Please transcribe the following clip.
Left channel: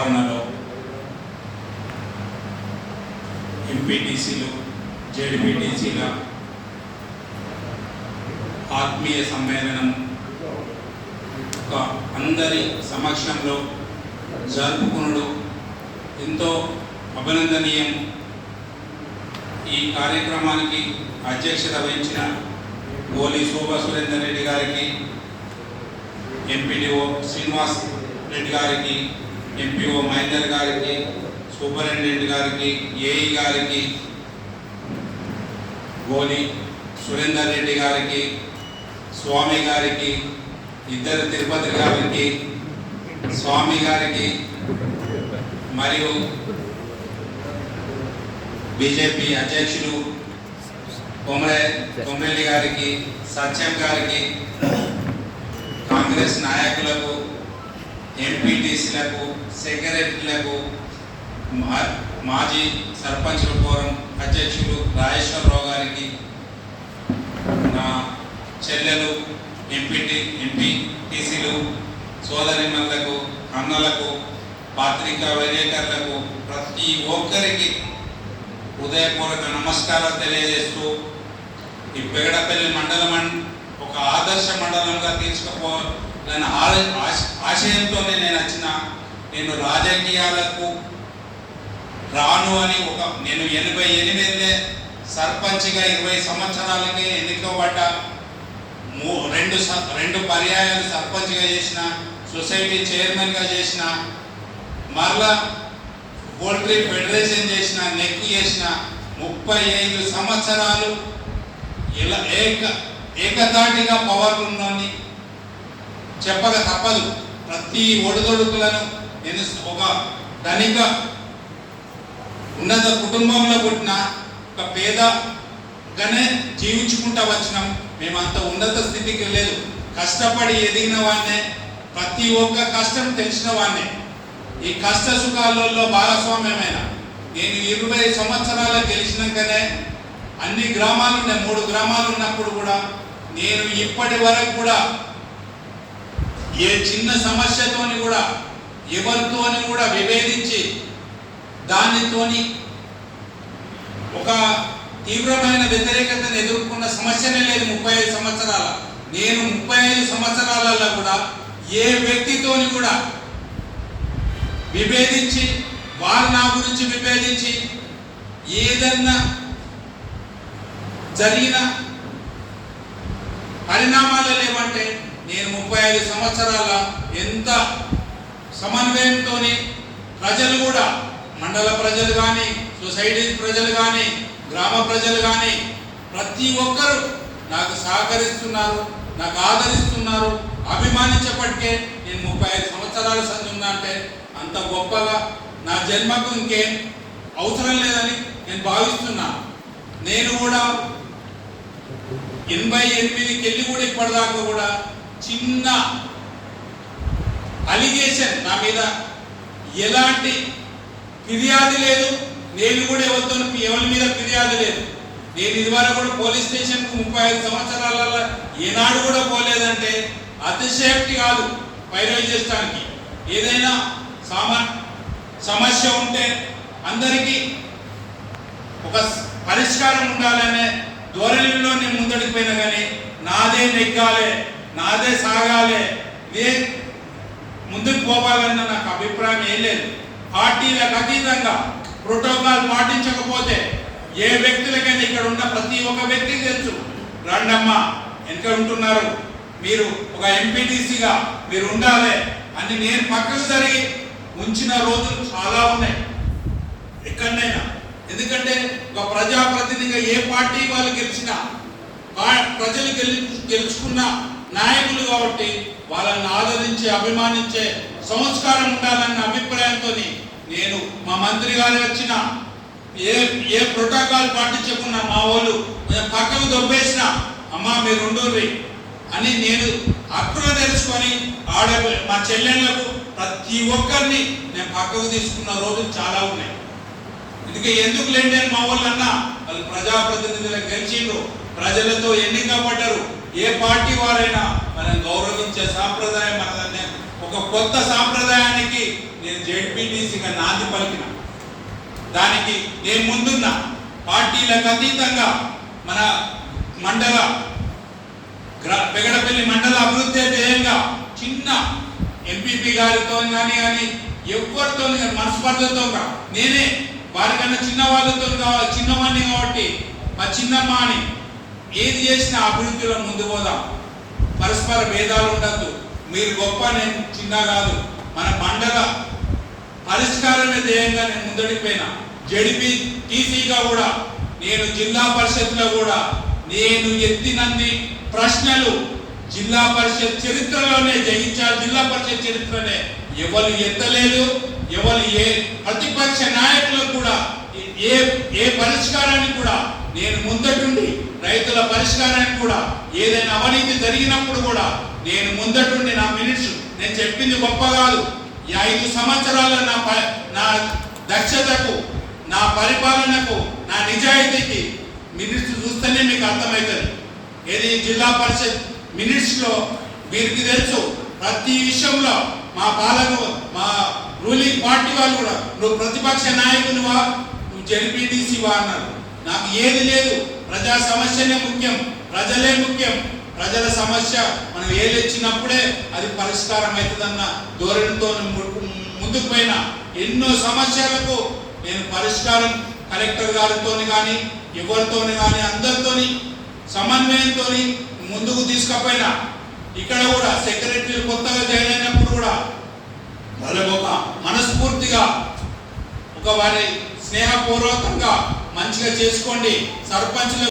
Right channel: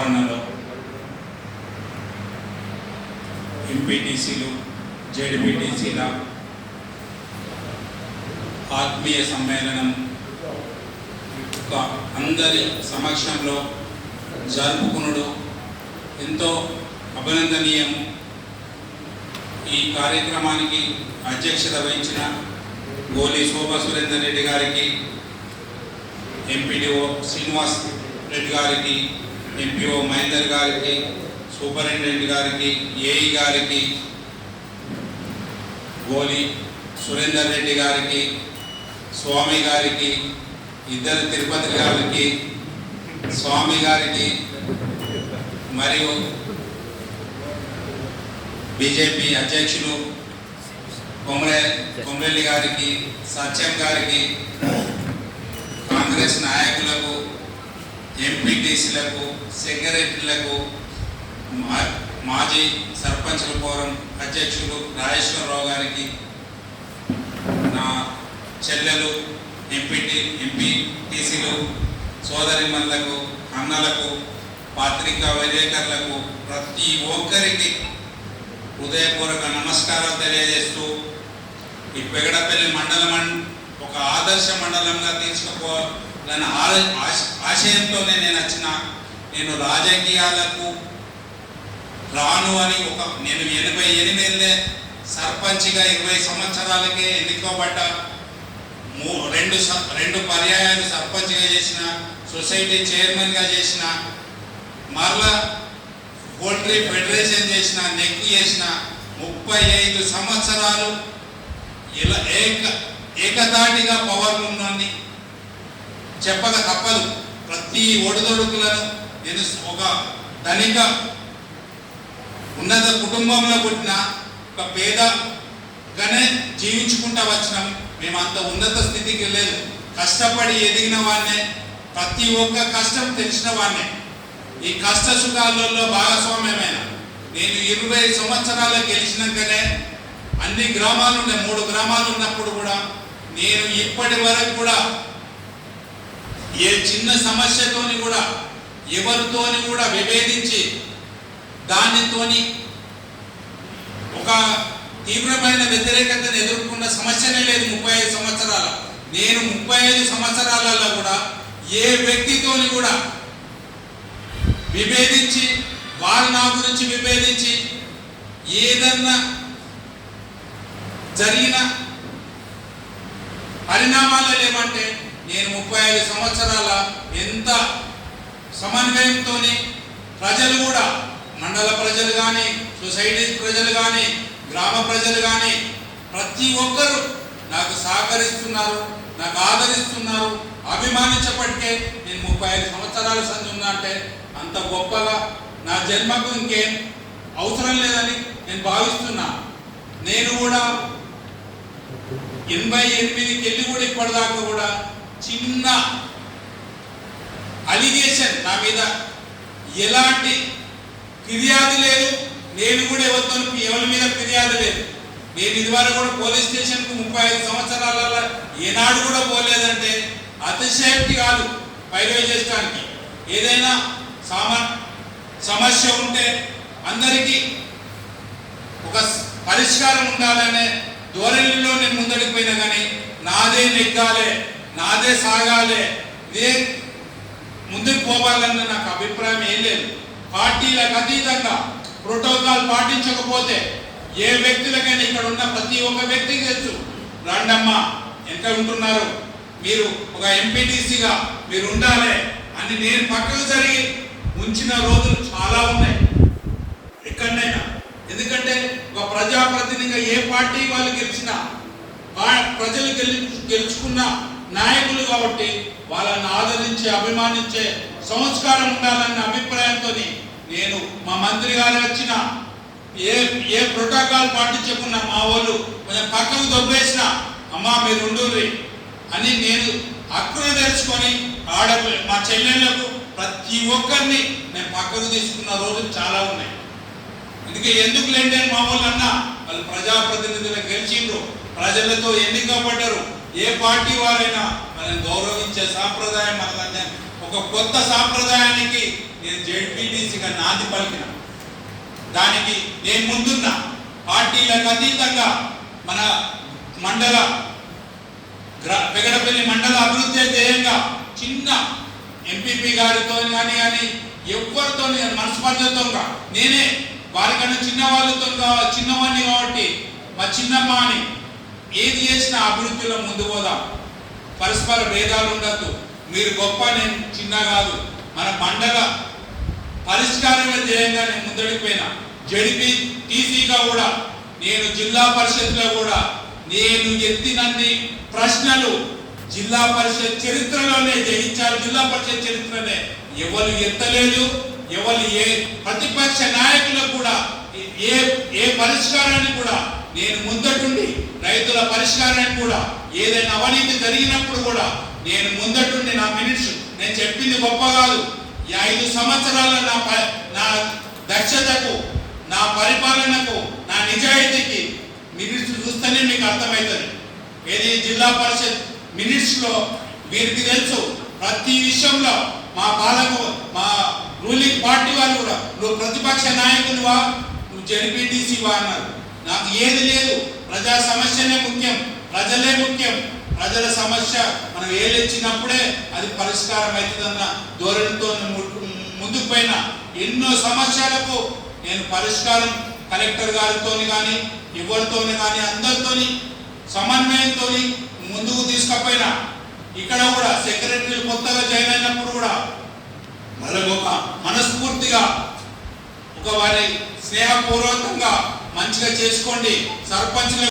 ఆవరణలో ఎంపీటీసీలు జెడ్పీటీసీల ఆత్మీయ సమ్మేళనం అందరి సమక్షంలో జరుపుకునుడు. ఎంతో అభినందనీయం. ఈ కార్యక్రమానికి అధ్యక్షత వహించిన గోలి శోభా సురేందర్ రెడ్డి గారికి ఎంపీడీఓ శ్రీనివాస్ రెడ్డి గారికి ఎంపీఓ మహేందర్ గారికి సూపరింటెండెంట్ గారికి ఏఈ గారికి గోలి సురేందర్ రెడ్డి గారికి స్వామి గారికి ఇద్దరు తిరుపతి గారికి స్వామి గారికి మరియు బీజేపీ అధ్యక్షులు కొమరే కొమరెల్లి గారికి సత్యం గారికి కాంగ్రెస్ నాయకులకు ఎంపీటీసీలకు సెక్రటరీలకు మా- మాజీ సర్పంచుల ఫోరం అధ్యక్షులు రాజేశ్వరరావు గారికి నా చెల్లెలు ఎంపీటీ ఎంపీటీసీలు సోదరిమల్లకు అన్నలకు పాత్రికా విలేకరులకు ప్రతి ఒక్కరికి హృదయపూర్వక నమస్కారాలు తెలియజేస్తూ ఈ పెగడపల్లి మండలం ఒక ఆదర్శ మండలంగా తీసుకుపో దాని ఆశయంతోనే నేను వచ్చిన నేను రాజకీయాలకు రాను అని ఒక నేను ఎనభై ఎనిమిదిలే సర్పంచ్గా ఇరవై సంవత్సరాలకే ఎన్నికబడ్డ. మూ రెండు స- రెండు పర్యాయాలు సర్పంచ్గా చేసిన సొసైటీ చైర్మన్గా చేసిన మరలా పోల్ట్రీ ఫెడరేషన్ చేసిన నెక్ చేసిన ముప్పై ఐదు సంవత్సరాలు ఇలా ఏక ఏకతాటిగా పవర్ ఉందని చెప్పక తప్పదు. ప్రతి ఒడిదొడుకులను నేను ఒక ధనిక ఉన్నత కుటుంబంలో పుట్టిన ఒక పేదగానే జీవించుకుంటా వచ్చినాం. మేము అంత ఉన్నత స్థితికి లేదు. కష్టపడి ఎదిగిన వాడినే ప్రతి ఒక్క కష్టం తెలిసిన వాడినే. ఈ కష్ట సుఖాలలో భాగస్వామ్యమైన నేను ఇరవై సంవత్సరాలు గెలిచినాకనే అన్ని గ్రామాలు ఉన్నాయి మూడు గ్రామాలు ఉన్నప్పుడు కూడా నేను ఇప్పటి వరకు కూడా ఏ చిన్న సమస్యతోని కూడా ఎవరితోని కూడా విభేదించి దానితోని ఒక తీవ్రమైన వ్యతిరేకతను ఎదుర్కొన్న సమస్యనే లేదు ముప్పై ఐదు సంవత్సరాల. నేను ముప్పై ఐదు సంవత్సరాలలో కూడా ఏ వ్యక్తితోని కూడా విభేదించి వారు నా గురించి విభేదించి ఏదన్నా జరిగిన పరిణామాలు లేవంటే నేను ముప్పై ఐదు సంవత్సరాల ఎంత సమన్వయంతో ప్రజలు కూడా మండల ప్రజలు కానీ సొసైటీ ప్రజలు కానీ గ్రామ ప్రజలు కానీ ప్రతి ఒక్కరూ నాకు సహకరిస్తున్నారు నాకు ఆదరిస్తున్నారు అభిమానించప్పటికే నేను ముప్పై ఐదు సంవత్సరాల సంచున్నా అంటే అంత గొప్పగా నా జన్మకు ఇంకేం అవసరం లేదని నేను భావిస్తున్నా. నేను కూడా ఎనభై ఎనిమిదికి వెళ్ళి కూడా ఇప్పటిదాకా కూడా చిన్న అలిగేషన్ నా మీద ఎలాంటి ఫిర్యాదు లేదు. నేను కూడా ఎవరితో ఎవరి మీద ఫిర్యాదు లేదు. నేను ఇదివరకు కూడా పోలీస్ స్టేషన్కు ముప్పై ఐదు సంవత్సరాల ఏనాడు కూడా పోలేదంటే అతిశయక్తి కాదు పైరవి చేసడానికి ఏదైనా సామా సమస్య ఉంటే అందరికీ ఒక పరిష్కారం ఉండాలనే ధోరణిలో నేను ముందడికి పోయినా కానీ నాదే నెగ్గాలే. నాదే సాగాలే. నేను ముందుకు పోవాలన్న నాకు అభిప్రాయం ఏం లేదు. పార్టీలకు అతీతంగా ప్రోటోకాల్ పాటించకపోతే ఏ వ్యక్తులకైనా ఇక్కడ ఉన్న ప్రతి ఒక్క వ్యక్తికి తెలుసు. రాండమ్మ ఎంత ఉంటున్నారు? మీరు ఒక ఎంపీటీసీగా మీరు ఉండాలి అని నేను పక్కకు జరిగి ఉంచిన రోజులు చాలా ఉన్నాయి. ఎక్కడైనా ఎందుకంటే ఒక ప్రజాప్రతినిధిగా ఏ పార్టీ వాళ్ళు గెలిచినా ప్రజలు గెలి గెలుచుకున్న నాయకులు కాబట్టి వాళ్ళని ఆదరించే అభిమానించే సంస్కారం ఉండాలన్న అభిప్రాయంతో నేను మా మంత్రి గారు వచ్చిన ఏ ఏ ప్రోటోకాల్ పాటించకున్నా మా వాళ్ళు కొంచెం పక్కకు దొబ్బేసిన అమ్మా మీరు ఉండూరి అని నేను అక్కడ తెలుసుకొని ఆడ మా చెల్లెళ్ళకు ప్రతి ఒక్కరిని నేను పక్కకు తీసుకున్న రోజులు చాలా ఉన్నాయి. అందుకే ఎందుకు లేండి అని మా వాళ్ళు అన్నా వాళ్ళు ప్రజాప్రతినిధులకు గెలిచిండ్రు ప్రజలతో ఎన్నికబడ్డారు ఏ పార్టీ వారైనా మనం గౌరవించే సాంప్రదాయం మనదనే ఒక కొత్త సాంప్రదాయానికి నేను జెడ్పీటీసీగా నాది నాంది పలికిన. దానికి నేను ముందున్న పార్టీలకు అతీతంగా మన మండల పెగడపల్లి మండల అభివృద్ధి ధ్యేయంగా చిన్న ఎంపీపీ గారితో కానీ కానీ ఎవరితో కానీ మనస్పర్ధతో నేనే వారికన్నా చిన్న వాళ్ళతో కావాలి చిన్నవాడిని కాబట్టి మా చిన్నమ్మ అని ఏది చేసినా అభివృద్ధిలో ముందు పోదాం. పరస్పర భేదాలు ఉండద్దు. మీరు గొప్ప నేను చిన్న కాదు. మన పండగ పరిష్కారమే ధ్యేయంగా నేను ముందడిపోయినా. జడిపి టీసీగా కూడా నేను జిల్లా పరిషత్లో కూడా నేను ఎత్తినన్ని ప్రశ్నలు జిల్లా పరిషత్ చరిత్రలోనే జయించాలి జిల్లా పరిషత్ చరిత్రనే. ఎవరు ఎత్తలేదు ఎవరు ఏ ప్రతిపక్ష నాయకులకు కూడా ఏ ఏ పరిష్కారాన్ని కూడా నేను ముందటుండి రైతుల పరిష్కారానికి కూడా ఏదైనా అవినీతి జరిగినప్పుడు కూడా నేను ముందటుండి నా మినిట్స్ నేను చెప్పింది గొప్ప కాదు. ఈ ఐదు సంవత్సరాల నా ప- నా దక్షతకు నా పరిపాలనకు నా నిజాయితీకి మినిట్స్ చూస్తేనే మీకు అర్థమవుతుంది. ఏది జిల్లా పరిషత్ మినిట్స్లో వీరికి తెలుసు ప్రతి విషయంలో మా పాలకు మా రూలింగ్ పార్టీ వాళ్ళు కూడా నువ్వు ప్రతిపక్ష నాయకునివా నువ్వు జెడ్పీటీసీవా అన్నారు. నాకు ఏది లేదు. ప్రజా సమస్యనే ముఖ్యం. ప్రజలే ముఖ్యం. ప్రజల సమస్య మనం ఏదొచ్చినప్పుడే అది పరిష్కారం అవుతుందన్న ధోరణితో ముందుకు పోయిన ఎన్నో సమస్యలకు నేను పరిష్కారం కలెక్టర్ గారితో కానీ ఎవరితోని కానీ అందరితోని సమన్వయంతో ముందుకు తీసుకపోయినా ఇక్కడ కూడా సెక్రటరీ కొత్తగా జాయిన్ అయినప్పుడు కూడా వాళ్ళకు ఒక మనస్ఫూర్తిగా ఒక వారి స్నేహపూర్వకంగా మంచిగా చేసుకోండి. సర్పంచ్ల